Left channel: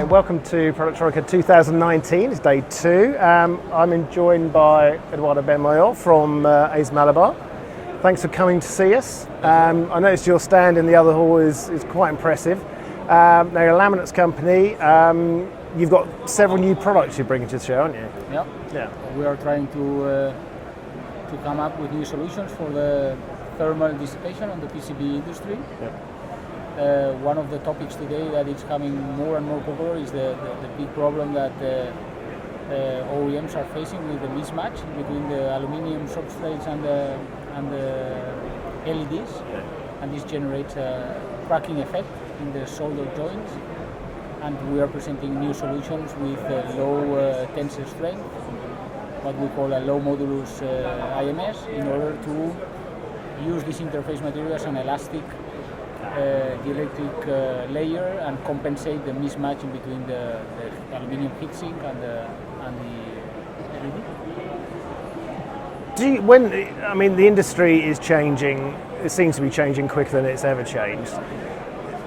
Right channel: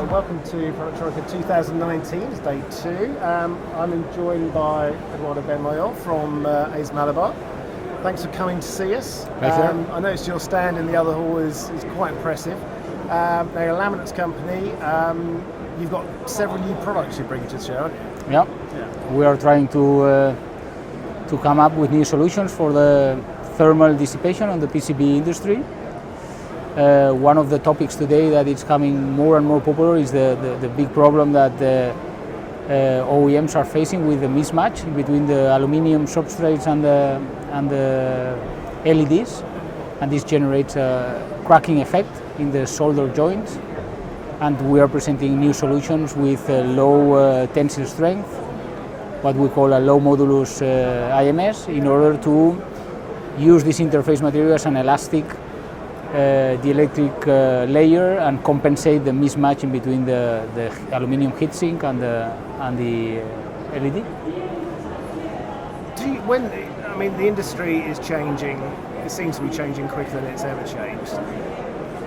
Hi, welcome to productronica 2019. It's day 2. I'm joined by Eduardo Benmayor from Aismalibar. Thanks for coming to see us. I noticed your stand in the other hall is quite impressive. Now you're a laminates company. You've got several new products you're bringing to the show, aren't you? Yeah. We are trying to come up with new solutions for the thermal dissipation on the PCB industry. One of the topics today that is coming more and more popular is the big problem that OEMs are facing with the mismatch between the aluminium substrates and the LEDs, and this generates a cracking effect in the solder joints. And we are presenting new solutions with low tensile strength, what we call a low modulus IMS, in order to use this interface material as an elastic dielectric layer and compensate the mismatch in between the aluminium heatsink and the LED. The industry is changing. It seems to be changing quicker than it's ever changed.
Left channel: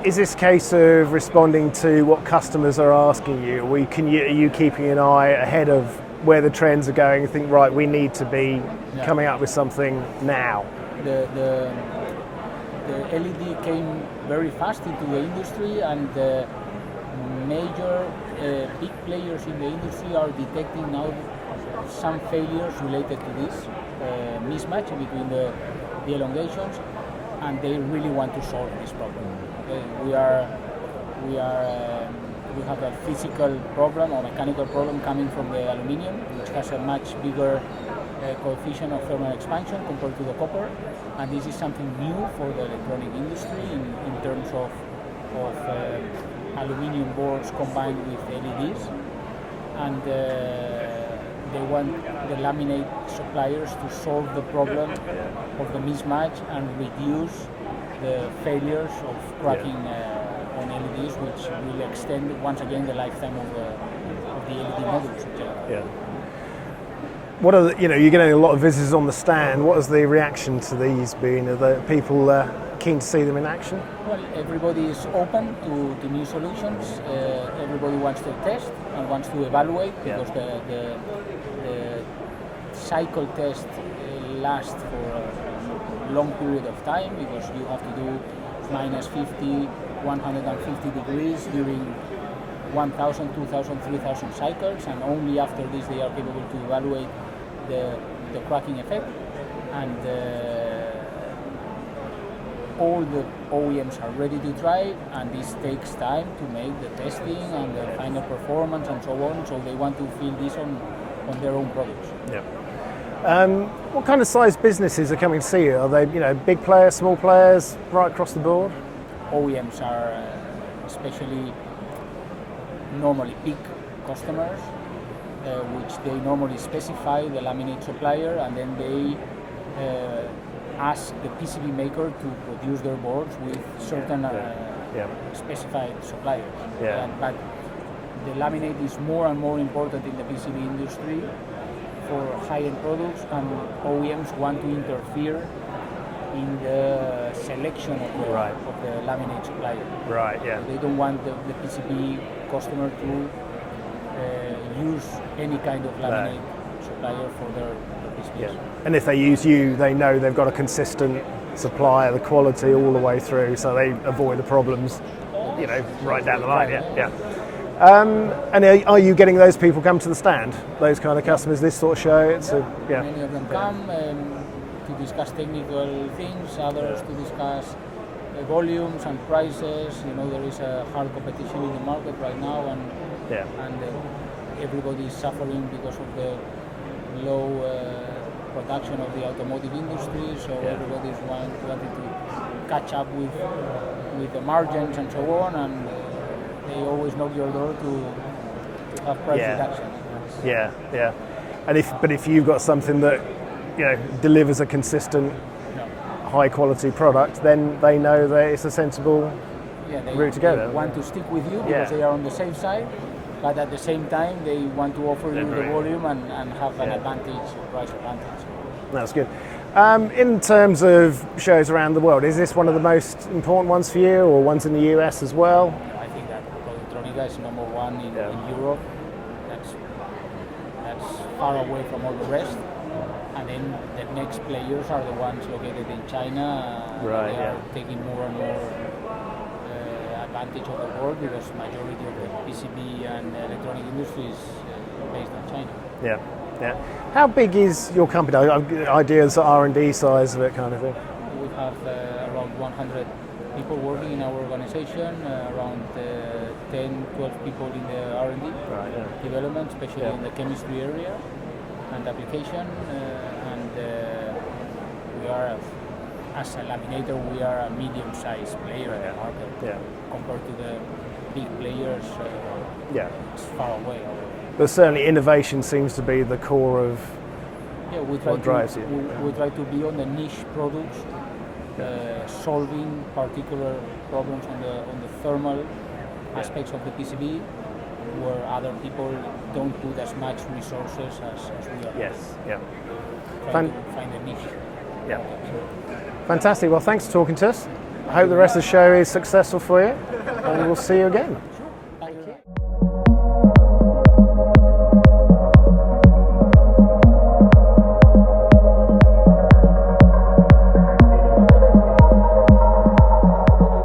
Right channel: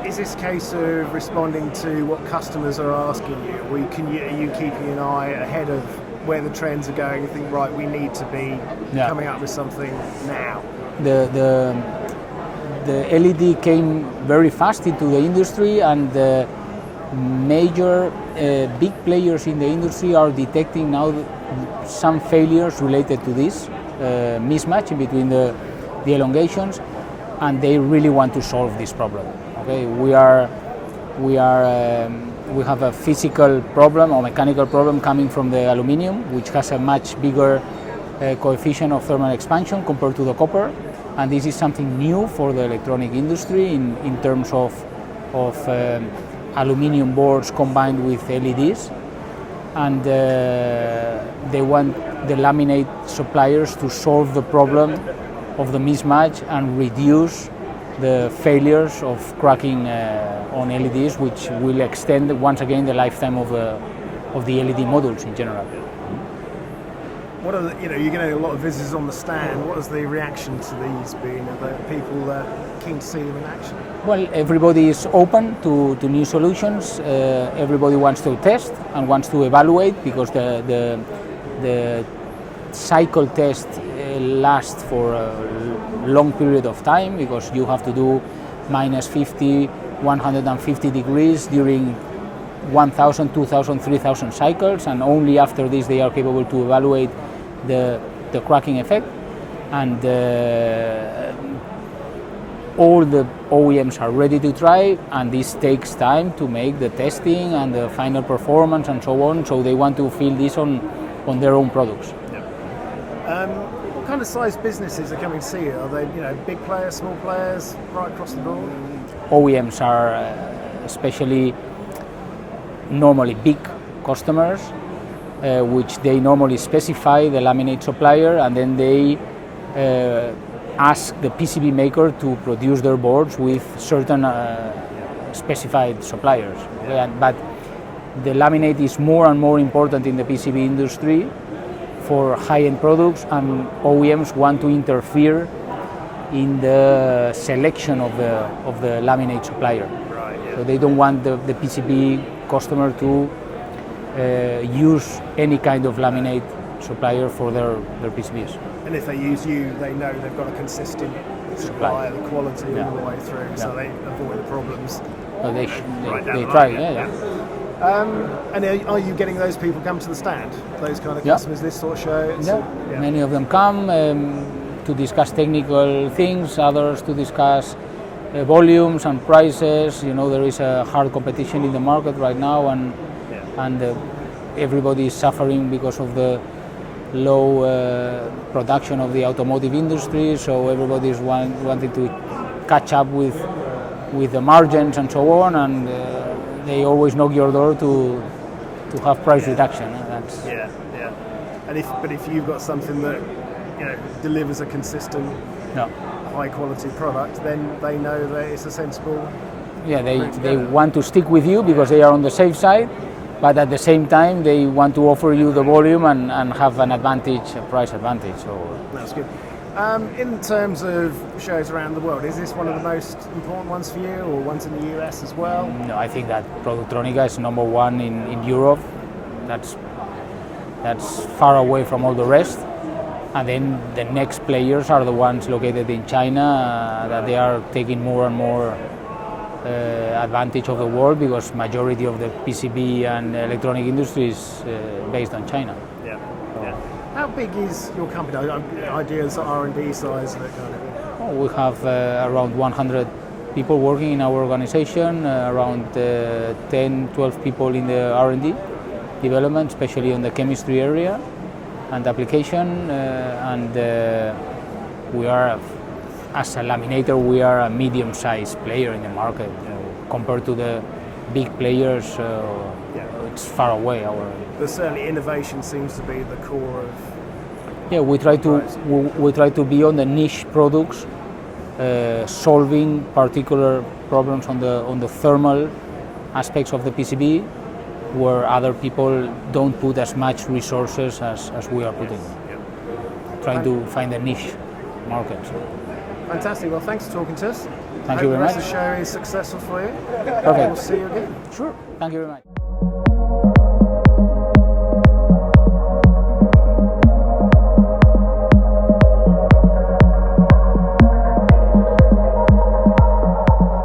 Is this a case of responding to what customers are asking you? Are you keeping an eye ahead of where the trends are going and think, right, we need to be coming up with something now? The LED came very fast into the industry, and the major big players in the industry are detecting now some failures related to this mismatch between the elongations, and they really want to solve this problem. Okay, we have a physical problem or mechanical problem coming from the aluminium, which has a much bigger coefficient of thermal expansion compared to the copper, and this is something new for the electronic industry in terms of aluminium boards combined with LEDs, and they want the laminate suppliers to solve the problem of the mismatch and reduce the failures of cracking on LEDs, which will extend once again the lifetime of the LED modules in general. What are you're getting a lot of visitors on the stand. What has the reaction to these been? Are the people keen to see them in action? Well, everybody is open to new solutions. Everybody wants to test and wants to evaluate, because the cycle test lasts for a long period of time, because you have to do minus 50, 150 degrees during 1,000, 2,000, 3,000 cycles, and only after this they are capable to evaluate the cracking effect. And all the OEMs are ready to try, and this takes time to make the testing and the final performance and so on, so they want to feel this on their own products. What kind of size businesses are coming to see you? Are they big players, small players, right across the board? OEMs are especially normally big customers, which they normally specify the laminate supplier, and then they ask the PCB maker to produce their boards with certain specified suppliers. But the laminate is more and more important in the PCB industry for high-end products, and OEMs want to interfere in the selection of the laminate supplier. Right. Yeah. So they don't want the PCB customer to use any kind of laminate supplier for their PCBs. And if they use you, they know they've got a consistent supply of the quality all the way through, so they avoid the problems right down the line. And are you getting those people come to the stand? Those kind of customers, this sort of show? Many of them come to discuss technical things, others to discuss volumes and prices. There is a hard competition in the market right now, and everybody is suffering because of the low production of the automotive industry, so everybody is wanting to catch up with the margins and so on, and they always knock your door to have price reduction. And if you've got something that delivers a consistent, high quality product, then they know that it's a sensible route to go. They want to stick with you because they are on the safe side, but at the same time they want to offer you the volume and have an advantage, a price advantage. So that's good. In terms of shows around the world, is this one of the most important ones for you, or ones in the US as well? No, I think that productronica is number one in Europe. That's far away from all the rest. And then the next players are the ones located in China, that they are taking more and more advantage of the world, because majority of the PCB and electronic industry is based on China. Yeah, yeah. How big is your company? Ideas, R&D size of it, kind of thing? We have around 100 people working in our organization, around 10, 12 people in the R&D development, especially in the chemistry area and application. We are, as a laminator, we are a medium-sized player in the market. Yeah. Compared to the big players. It's far away. But certainly innovation seems to be the core of. Yeah, we try to be on the niche products, solving particular problems on the thermal aspects of the PCB, where other people don't put as much resources as we are putting. Yes. Trying to find a niche market. Fantastic. Well, thanks for talking to us. I Thank hope you the rest very of the show is successful for you. Okay. We'll see you again. Sure. Thank you very much.